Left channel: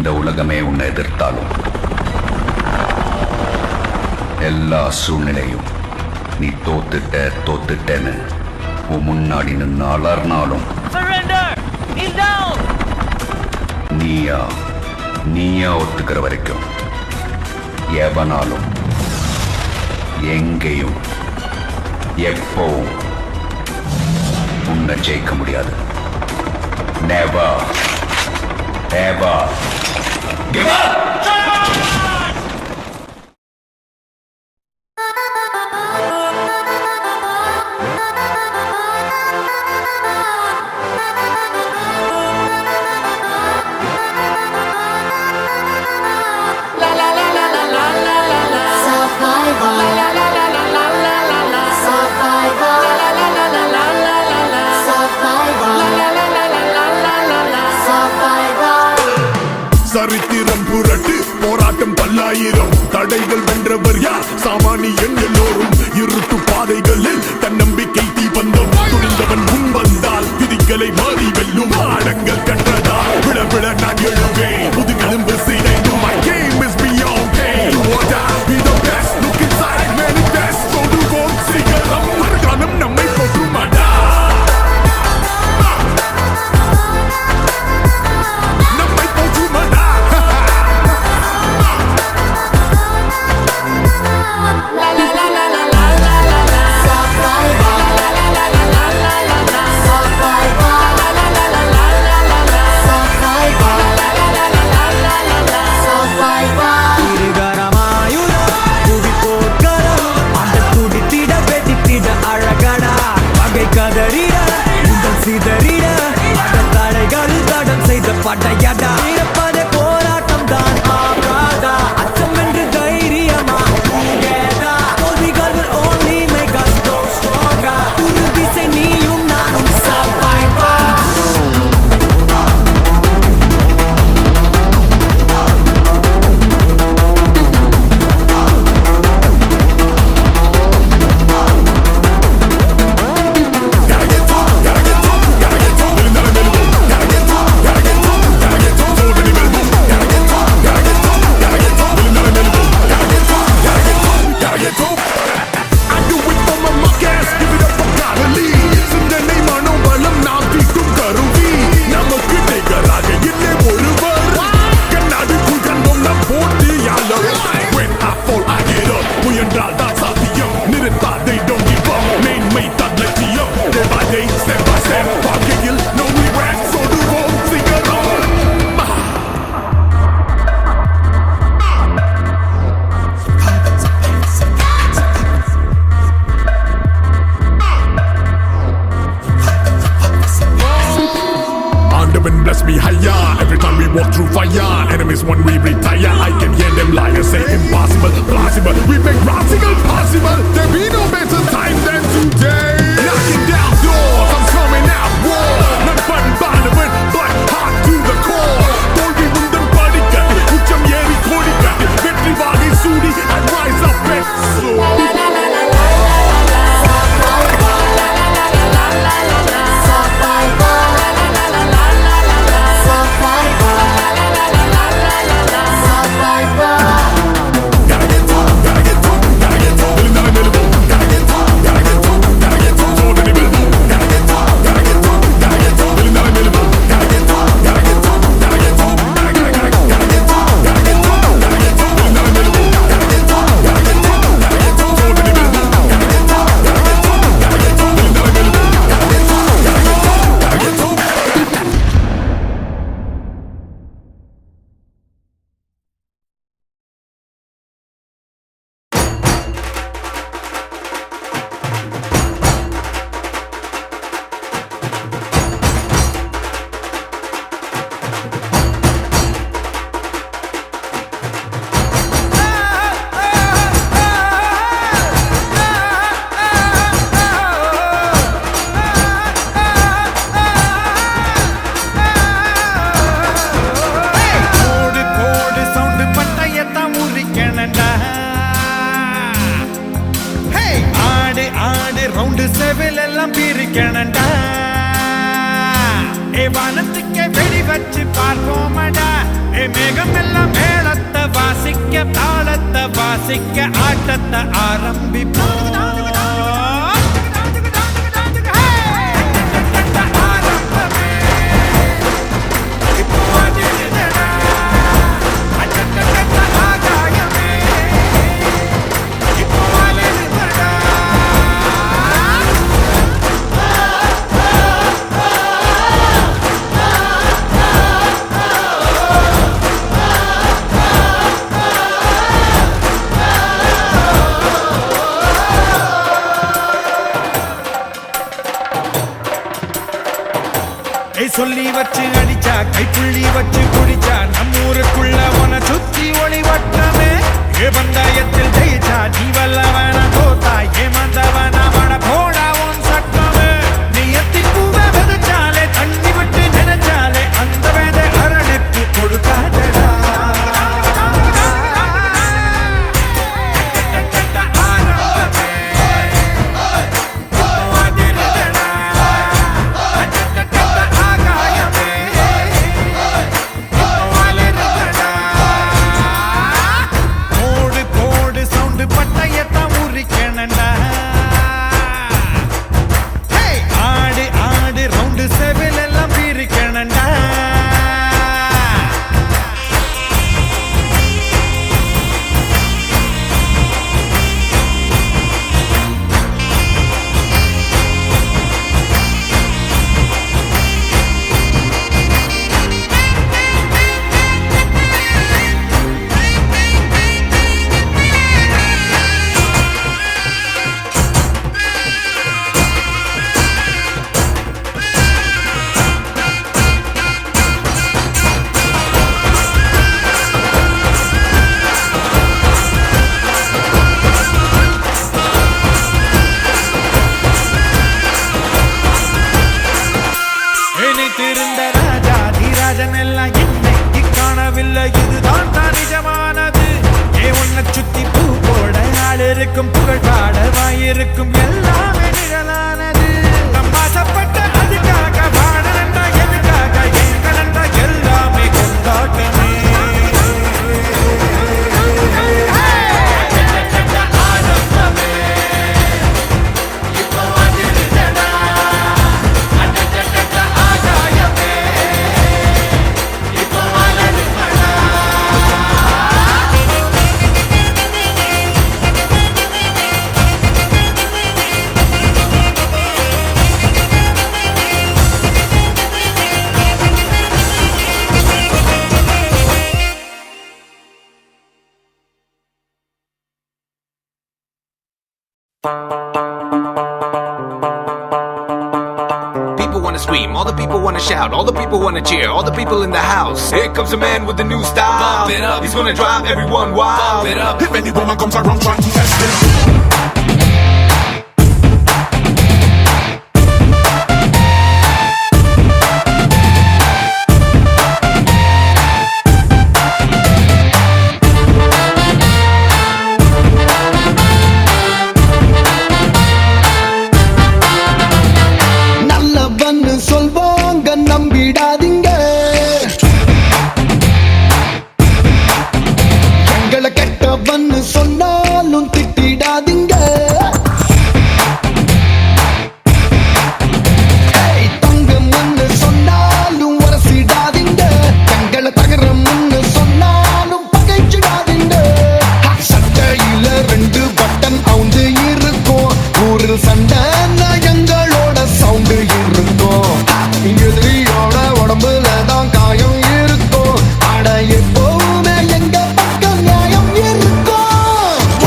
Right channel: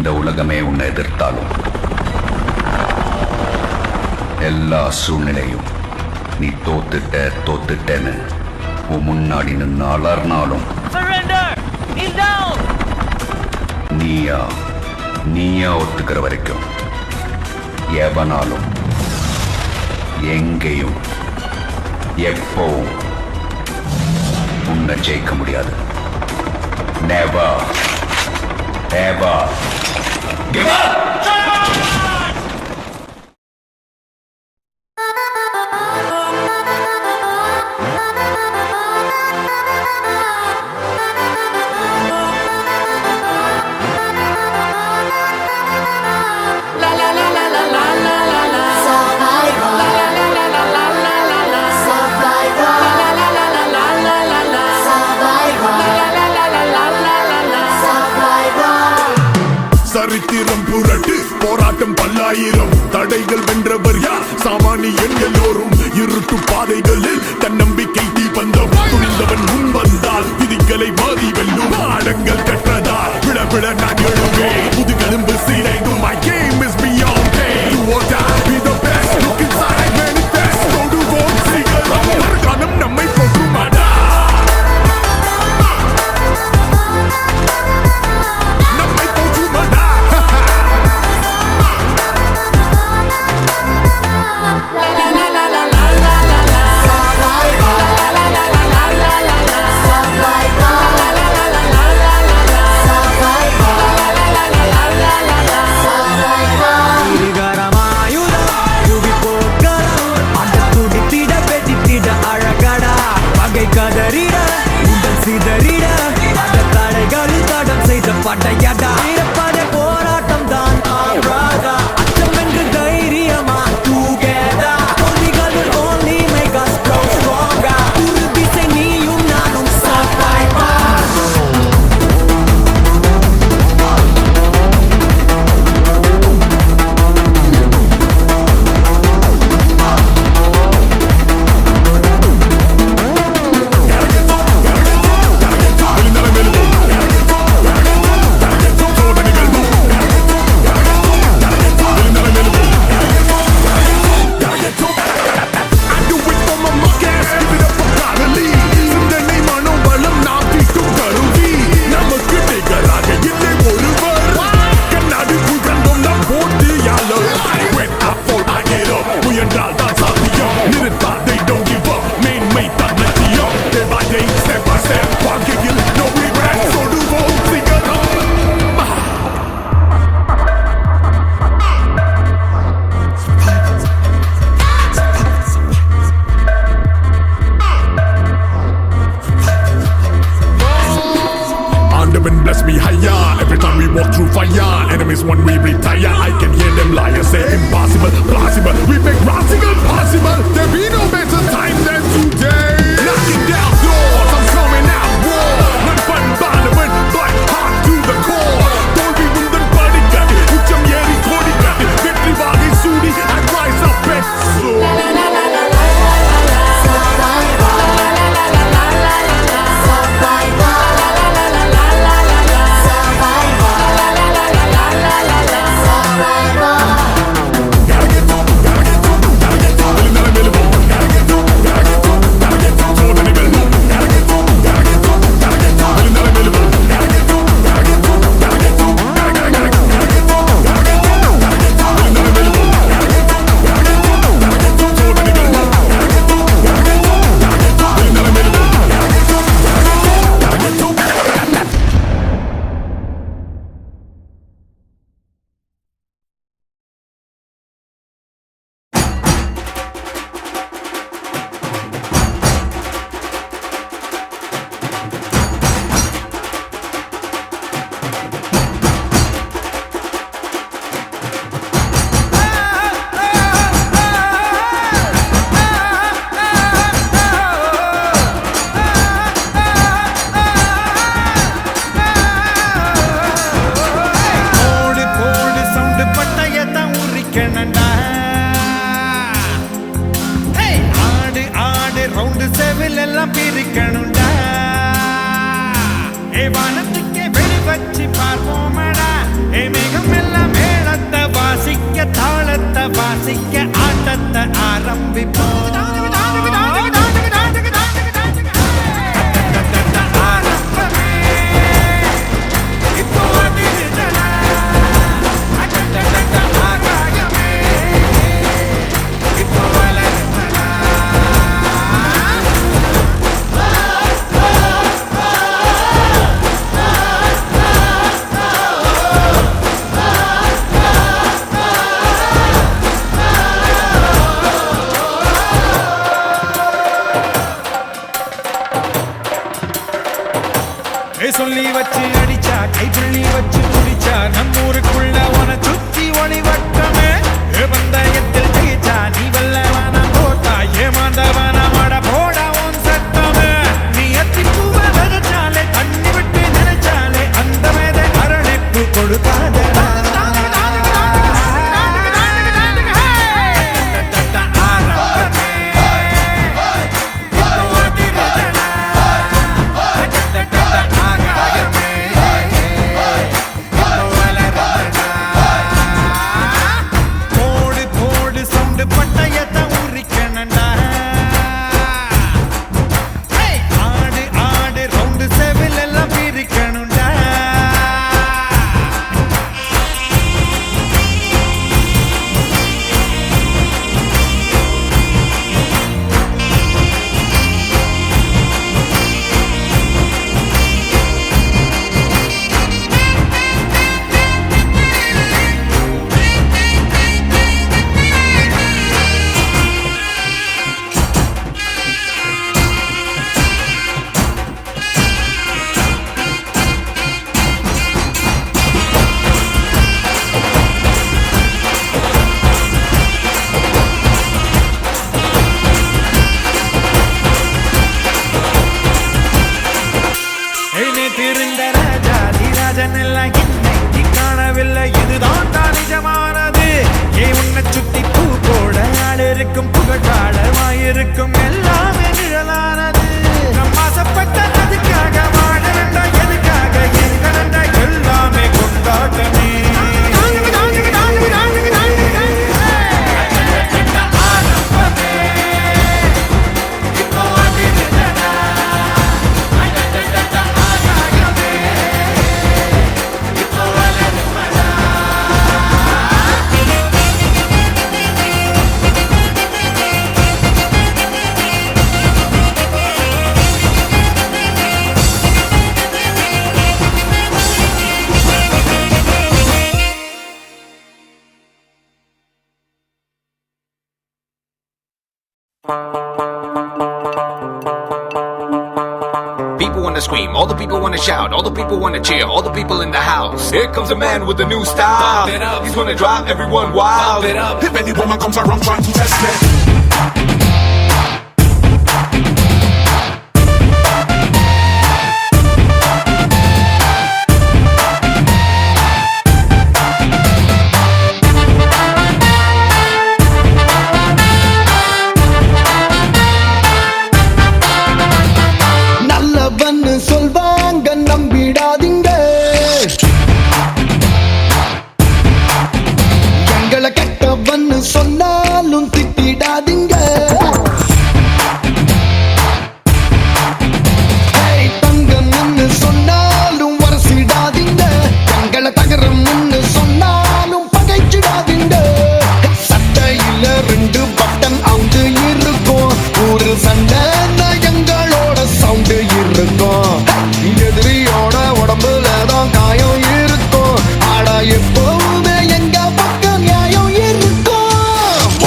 இந்த உலகமே உன்னை எதிர்த்தாலும் எல்லா சூழ்நிலையும் நீ தோத்துட்டேன்னு உன் முன்னாடி நின்று அலர்னாலும் நீயா ஒத்துக்கிற வரைக்கும் எவனாலும் எங்கேயும் எப்பவும் உன்னை ஜெயிக்க முடியாது. Never ever give up. சரித்திரம் புரட்டு போராட்டம் பல்லாயிரம் தடைகள் வென்றவர் யார்? சாமானியன் எல்லோரும் இருட்டு பாதைகளில் தன்னம்பிக்கை தீபந்தம் துணிந்தவன் முன் வந்தால் விதிகளை மாறி வெல்லும் பாடங்கள் கற்றதால் விழ விழ நான் எழுவேன் முதுகெலும்பு சீதைந்தும் my game is beyond pain do or die be the best look inside manifest தொடுவோம் சிகரம் மறுகாலம் நம்மை போற்றுமாடா அழகடா பகை கதறிட உடல் சிதறிட அட தடைகளில் தடம் செய்த படையடா இருப்பதே போராட்டம் தான் அச்சம் வென்று தைரியமா தோல்விகள் will only make us grow stronger உறுதி செய் நீயும் நானும் survivor முயன்றால் தான் சாத்தியம் நிறுத்தா they don't give up மேன்மை தான் லட்சியம் day by day step by step வாழ்க்கையில் no regrets தொடுவோம் சிகரம் bless me higher every time we walk through fire enemies when we retire I can hear them liars say impossible plausible we make radical possible there be no better time than today knocking down doors I'm coming out war none fun bannerman but hard to the core தோல்வி முந்தன் படிக்கட்டு உச்சம் ஏறி கோடி கட்டு வெற்றி வாகை சூடி and rise up and soar Jordan, People wanna scream, all the people wanna shout, all the people wanna cheer, all the people in the house. Here comes a man with a new style. Pump it up, he's gonna drive everyone wild. Pump it up, If any woman comes around trying to test me, நல்லவன்னு சொல்வாங்க நம்பிடாதீங்க எங்களை கெட்டவன்னு சொன்னாலும் திட்டிடாதீங்க ஏய், தங்கம்னு சொன்னாலும் வரசிடாதீங்க எங்களை தகரம்னு சொன்னாலும் பகைச்சிடாதீங்க சட்டையில 2 button அவுந்து இருக்கும் ஊரில் சண்டை எங்களோட சவுண்டு இருக்கும் எதிரியோட உடம்புல தான் காயம் இருக்கும் ஆனா எப்பவுமே எங்க பக்கம் நியாயம் இருக்கும்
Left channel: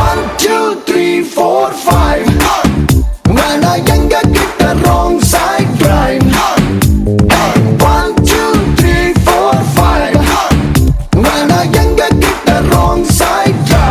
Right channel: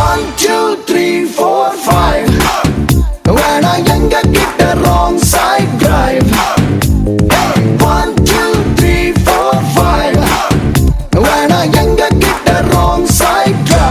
1 2 3 4 5 வேணா எங்க கிட்ட wrong side drive 1 2 3 4 5 வேணா எங்க கிட்ட wrong side drive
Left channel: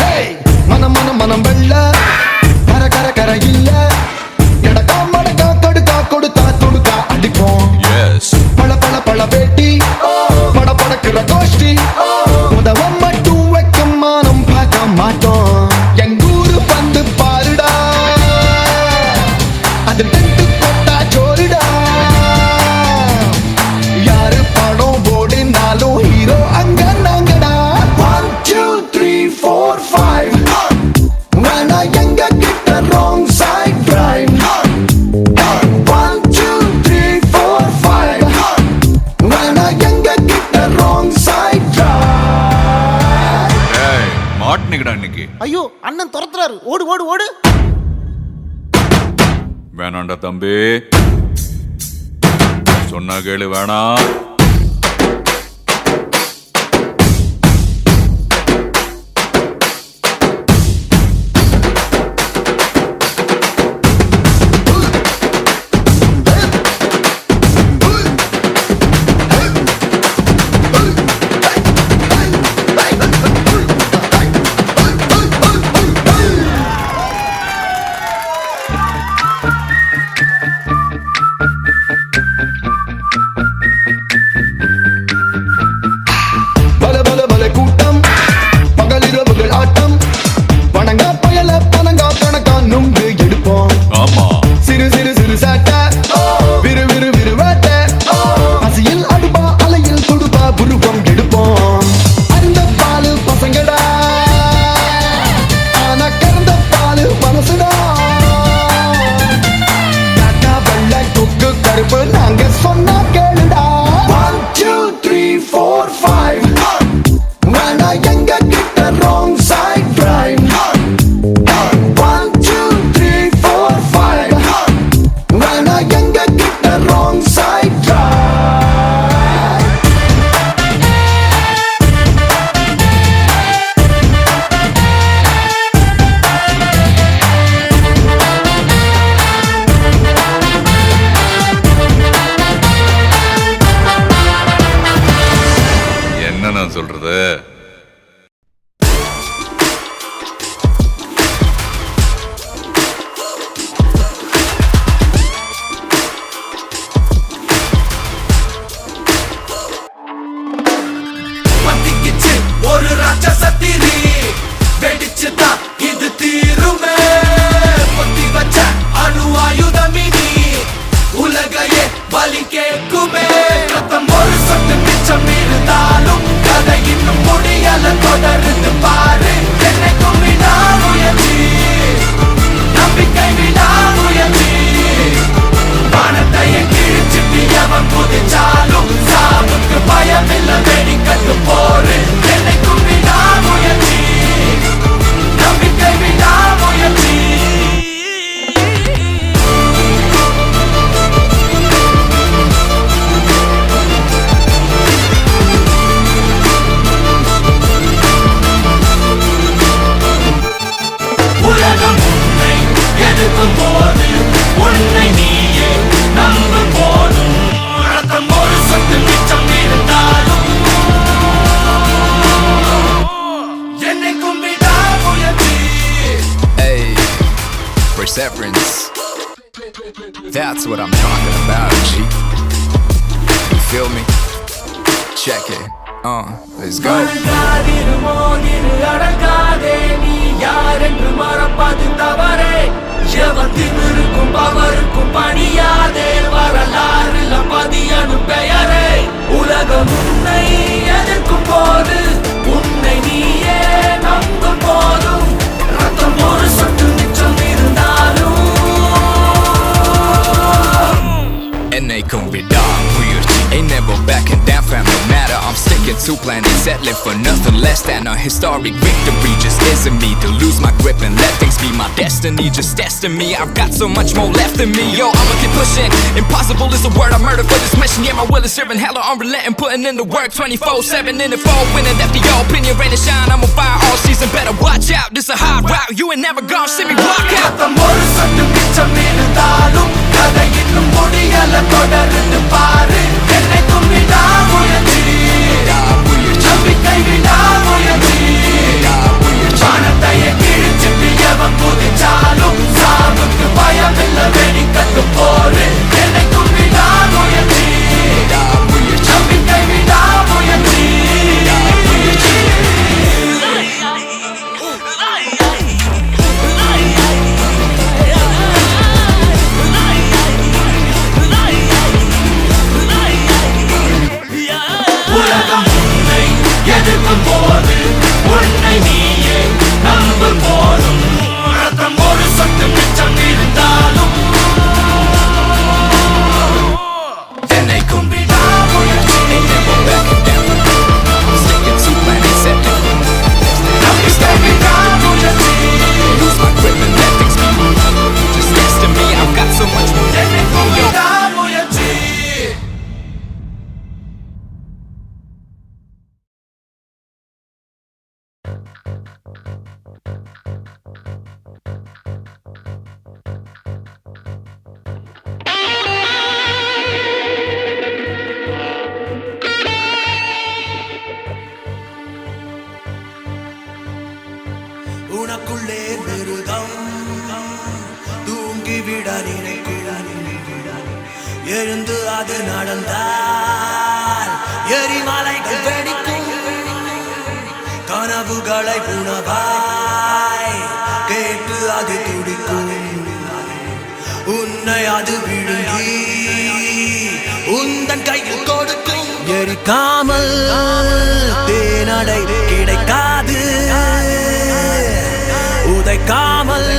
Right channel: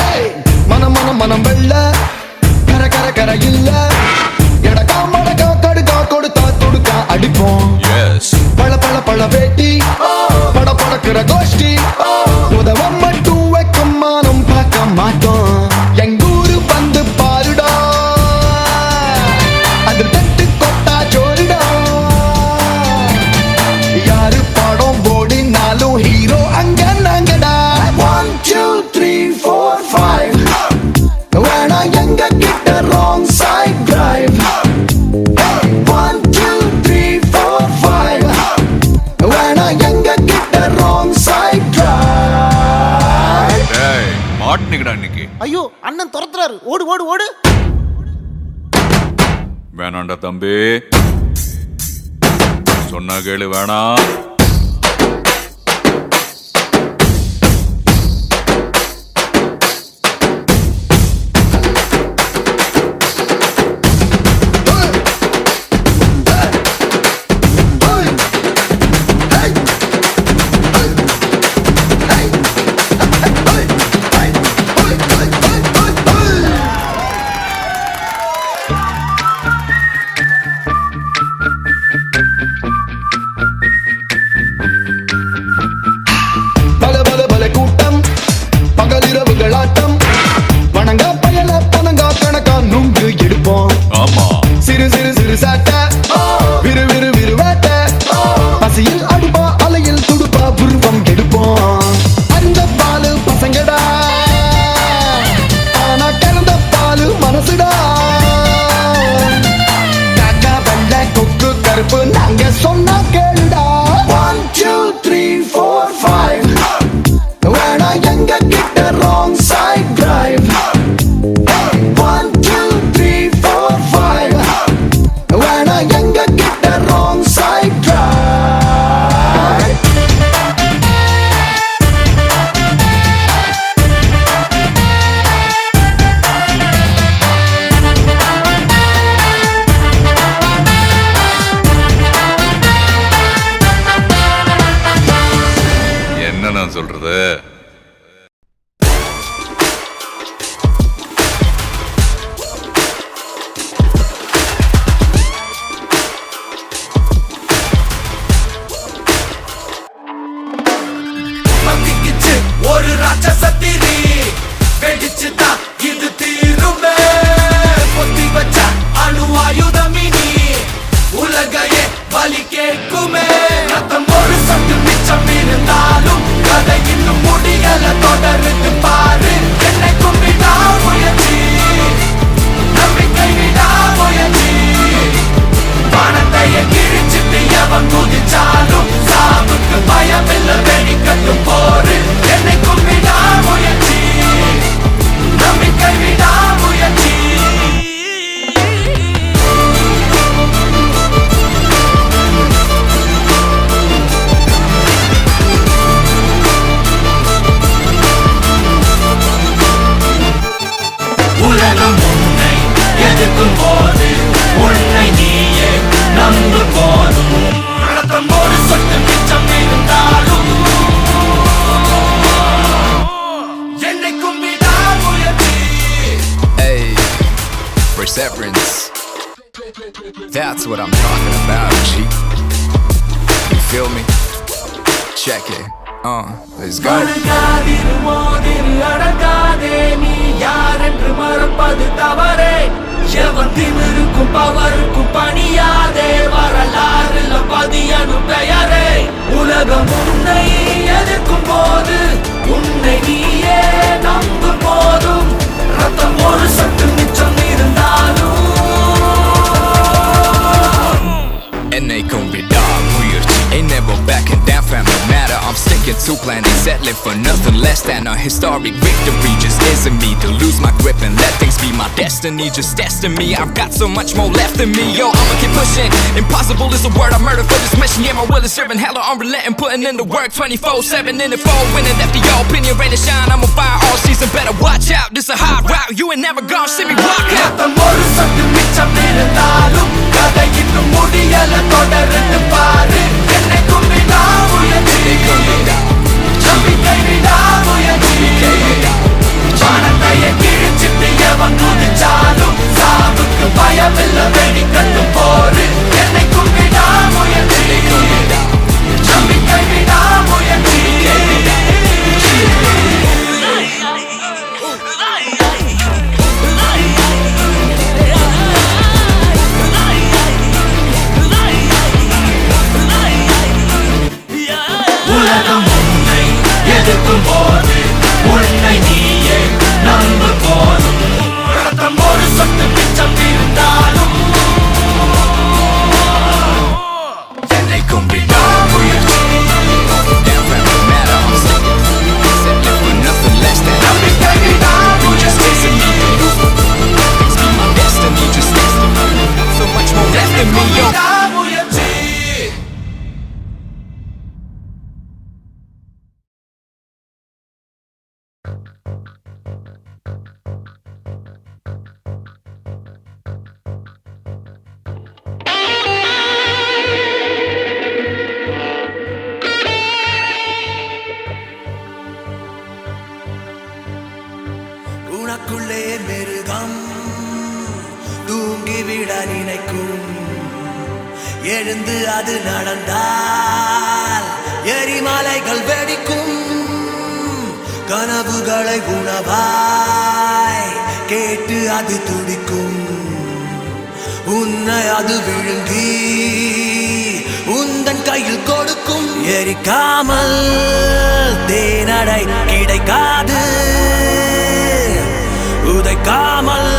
Hey, மனம் வெள்ள கர கர கர இல்ல எடக்கா மடக்கா கடுக்கா கொடுத்தா தொடுக்கா அடிப்போம் பழ பழ பழ வேட்டி பட படக்கிற கோஷ்டி உதவம் மட்டும் வைக்கும் மானம் பார்க்க மாட்டோம் எங்கூரு வந்து பாருடா அது டென்ட் கொட்டா ஜோரிடா யாரு படம் போடினாலும் ஹீரோ அங்க நாங்கடா 1 2 3 4 5 வேணா எங்க கிட்ட wrong side drive 1 2 3 4 5 வேணா எங்க கிட்ட wrong side drive மாட்டினிக்கடா இன்னைக்கு. ஐயோ அண்ணன் துரத்துறாரு, ஓடு ஓடு ஓடு. வேணாண்டா தம்பி, சொன்னா கேளு. வேணாம். பல பல பல கூட்டம் பகலிரவுகள் ஆட்டம் வணங்கா பயல பணங்கா கணக்கா நுங்கு எடுப்போம் ஆமா, சிறு சிறு சிறு சாட்டை விறு விறு விறு வேட்டை பசியில் அடுப்பா அலையில் துடுப்பா புருவம் எடுப்போம் அந்த பாலு பசங்கடா ஆனா கறந்த பாலு மனசுடா காக்கா வெள்ளை கொக்கு கருப்பு நாங்க சொன்னா கேளுடா 1 2 3 4 5 வேணா எங்க கிட்ட wrong side drive 1 2 3 4 5 வேணா எங்க கிட்ட wrong side drive என்ன நான் சொல்றது? பத்திக்கிச்சு ஒரு ராட்சசத்திரி வெடிச்சுதான் இது தீருமே. பொத்தி வச்ச அணு ஆயுதமினி உலகையே வலிக்க severance. That's what I'm talking about, G. You feel me? Check it. Let's go. Adangathey நீ யார் என்று மறப்பது தவறே. எவத்திமிருக்கும் பவருக்கும் பணியாதே. வரலாறுல பதியனும் பெயரே. உலகம் உன்னை எதிர்க்கும் போது உன்னை நீயே நம்பும் போதும் ரத்தம் ஒரு சொட்டு மிச்சம் இருந்தாலும் என்னைக்கும் விடாமுயற்சி. Ain't never backing down fam, no matter I'm sticking to plan. Ain't settling for nothing less than a historic victory. Just isn't me to lose my grip and let things be my destiny. Just testing me, I've got so much more left in me. Yo, I'ma keep pushing. Impossible is a word I murder for this mission. Yeah, my will is serving hella unrelenting, putting in the work 24/7 in the fall, winning after your opinion, rain and shine. I'm on fire all season, better watch out. This a hard route, you ain't never gonna see me walk out. ரத்தம் ஒரு சொட்டு மிச்சம் இருந்தாலும் கதை இன்னும் முடியல, தொடர்ந்து பாரு. என்னை கும்பிடா முயற்சி, நம்பிக்கை விடா முயற்சி. வானத்தையே கிழிச்சிட்டு எவன் குதிச்சாலும் சாவுக்கு பயமில்ல, வெடிக்கட்டும் போரு. என்னை கும்பிடா முயற்சி, நம்பிக்கை விடா முயற்சி. உலகம் உன்னை எதிர்க்கும் போது உன்னை நீயே நம்பும் போதும் ரத்தம் ஒரு சொட்டு மிச்சம் இருந்தாலும் என்னைக்கும் விடாமுயற்சி. Backing down fam, no matter I'm sticking to plan. Ain't settling for nothing less than a historic victory. Just isn't me to lose my grip and let things be my destiny. Just testing me, I've got so much more left in me. Yo, முயற்சி. உனக்குள்ளே மிருகம் தூங்கிவிட நினைக்கும். எழுந்து அது நடந்தால் எரிமலைகள் வெடிக்கும். கனவுகளை உணவாய் கேட்டு அது துடிக்கும். உன்னை அது விழுங்கி உந்தன் கையில் கொடுக்கும். எரிக்காமல் தேனடை கிடைக்காது. உதைக்காமல்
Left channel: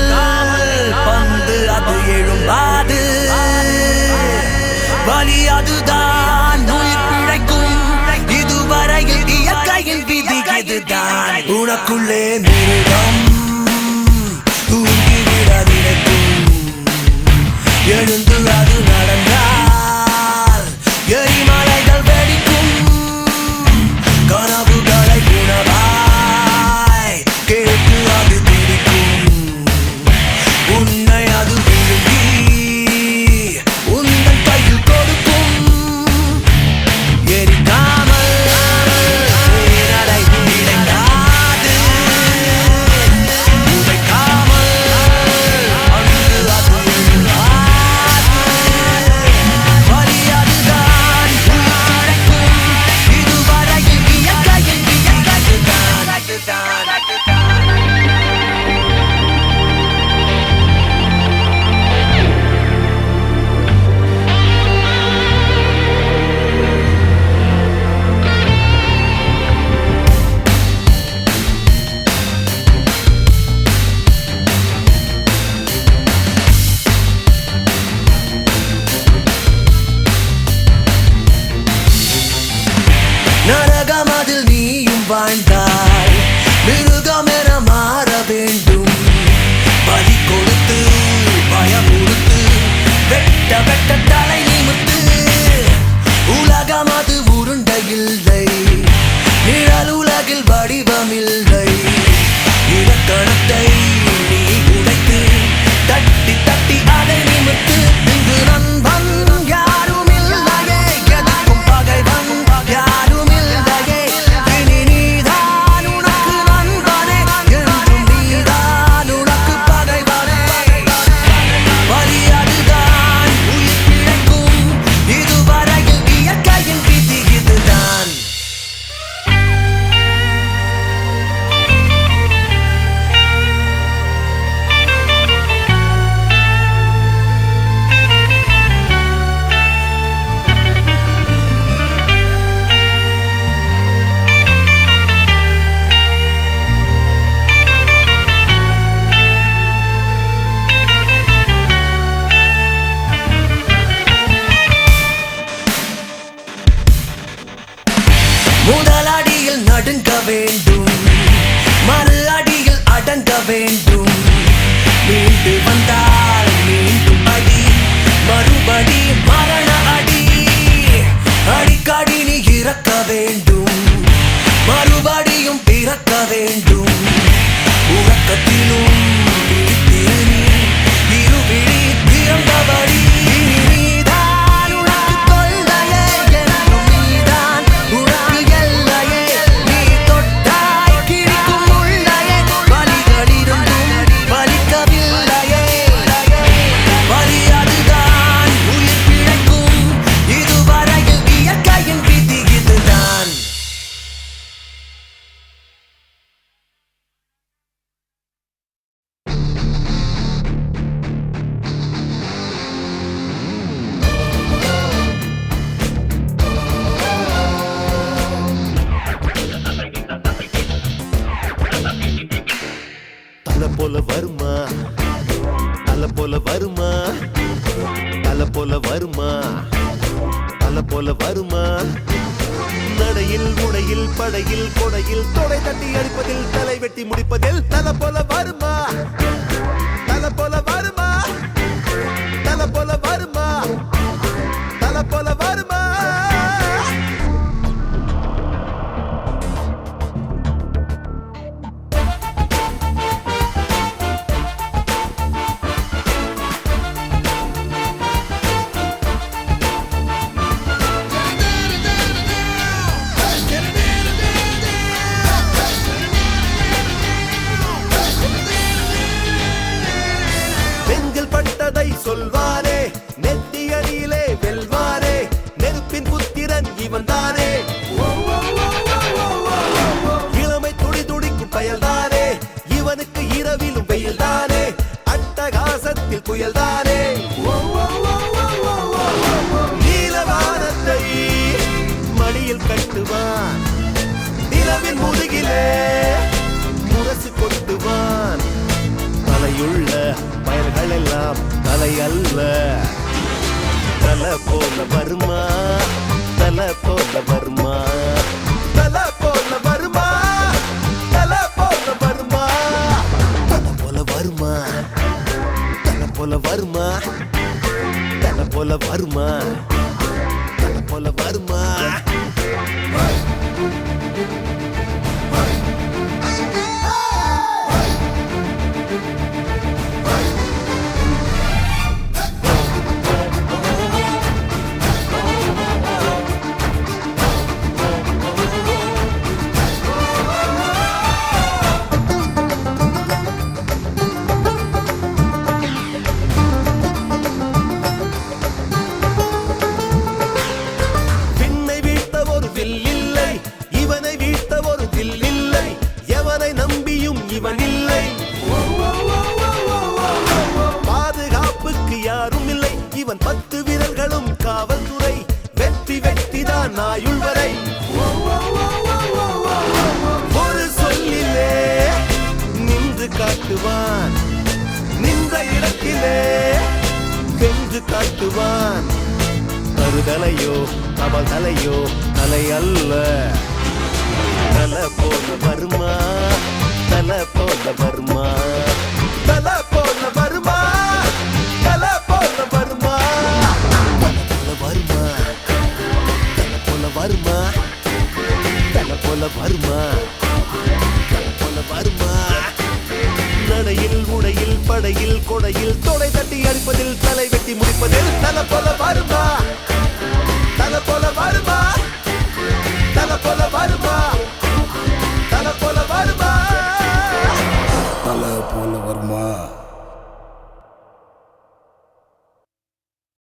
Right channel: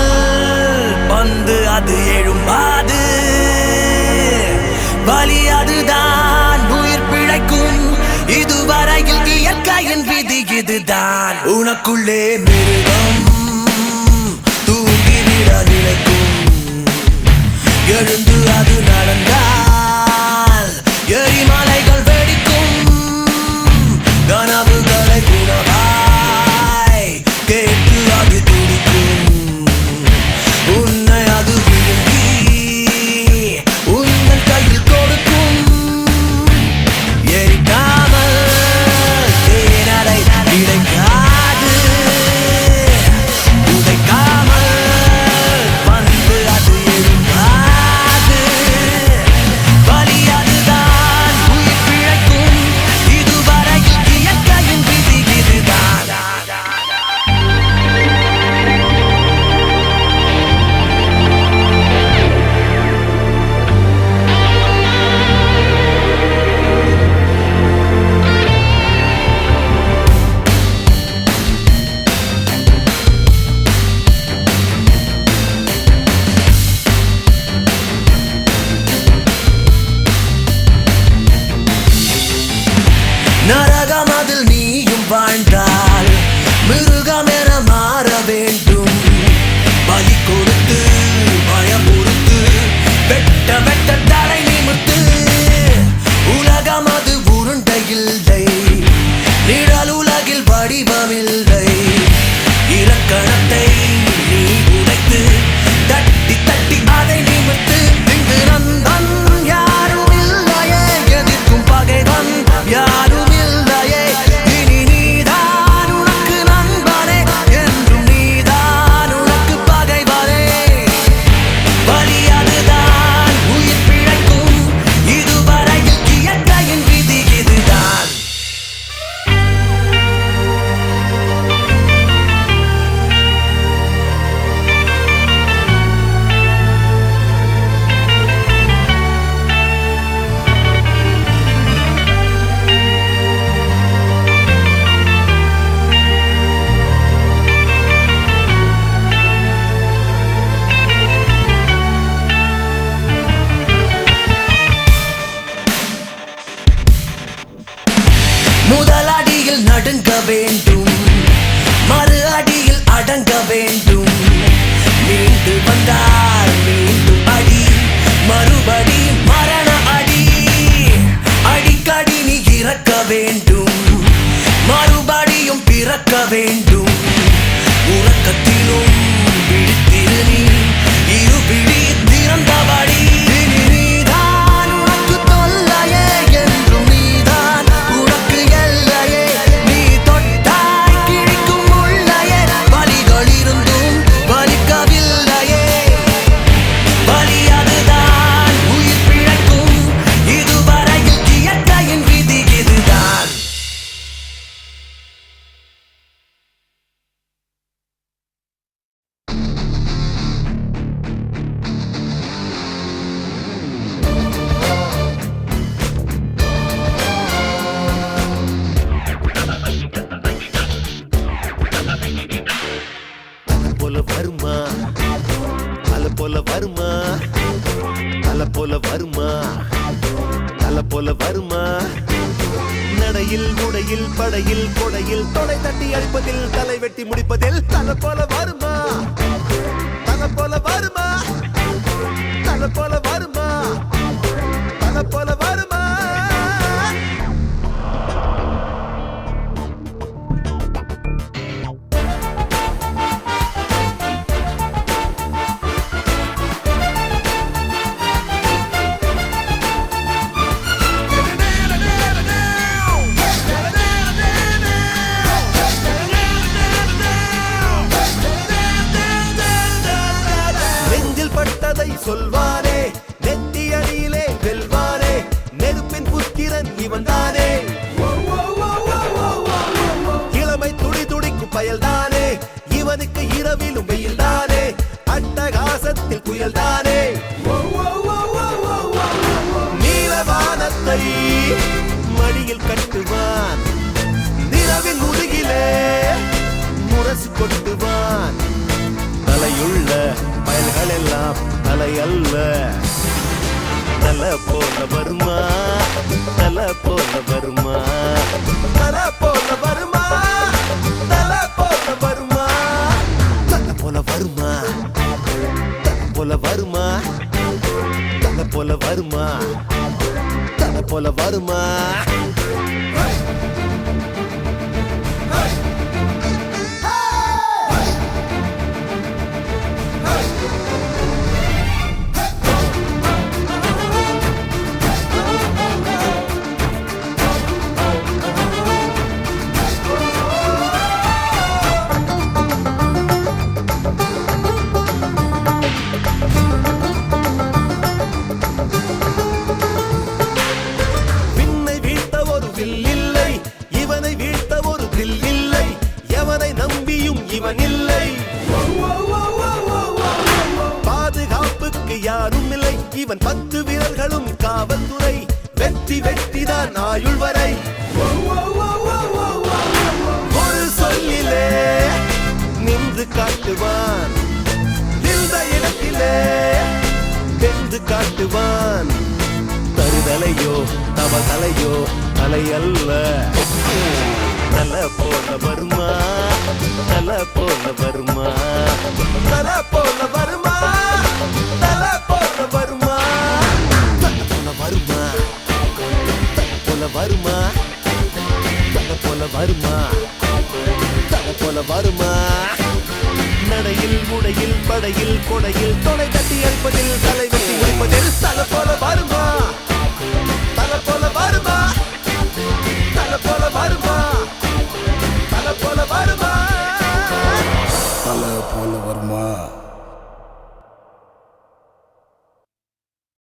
வந்து அது எழும்பாது. வலி அதுதான் உயிர் பிழைக்கும். இதுவரையில் இயற்கையின் விதி இதுதான். உனக்குள்ளே மிருகம் தூங்கிவிட நினைக்கும். எழுந்து அது நடந்தால் எரிமலைகள் வெடிக்கும். கனவுகளை உணவாய் கேட்டு அது துடிக்கும். உன்னை அது விழுங்கி உன்னை கையில் கொடுக்கும். எரிக்காமல் தேனலை கிடைக்காது. போல வருமா தல போல வருமா நடையில் முனையில் படையில் கொடையில் தொடை தட்டி அழிப்பதில் தலை வெட்டி முடிப்பதில் தல போல வருமா தல போல வருமா தல போல வருமா தல போல வருமா நெஞ்சில் பட்டதை சொல்வாரே நெத்தி அடியிலே வெல்வாரே நெருப்பின் புத்திரன் இவன் தானே இளமை துடி துடிக்கும் பயல்தானே இவனுக்கு இரவிலும் பெயல்தானே அட்டகாசத்தில் புயல்தானே நீலவானத்தை மடியில் கட்டுவான் இரவின் முதுகிலே முரசு கொட்டுவான் தலையுள்ள பயல்கள் எல்லாம் தலை அல்ல தல போல வருமா தல போல வருமா தல போல வருமா தல போல வருமா தல போல வருமா தல போல வருமா தல போல வருமா தல போல வருமா விண்ணை வீழ்த்த ஒரு வில் இல்லை இவனை வீழ்த்த ஒரு வில் இல்லை எவனை நம்பியும் இவன் இல்லை பாதுகாப்புக்கு யாரும் இல்லை இவன் 10 வீரர்களும் காவல்துறை வெற்றி வெற்றிதான் ஆயுள் வரை ஒரு சொல்லிலே நின்று காட்டுவான் நின்ற இடத்திலே நின்று காட்டுவான் தருதலையோ தவதலையோ தலை அல்ல தல போல வருமா தல போல வருமா தல போல வருமா தல போல வருமா தல போல வருமா தல போல வருமா தல போல வருமா நடையில் முடையில் படையில்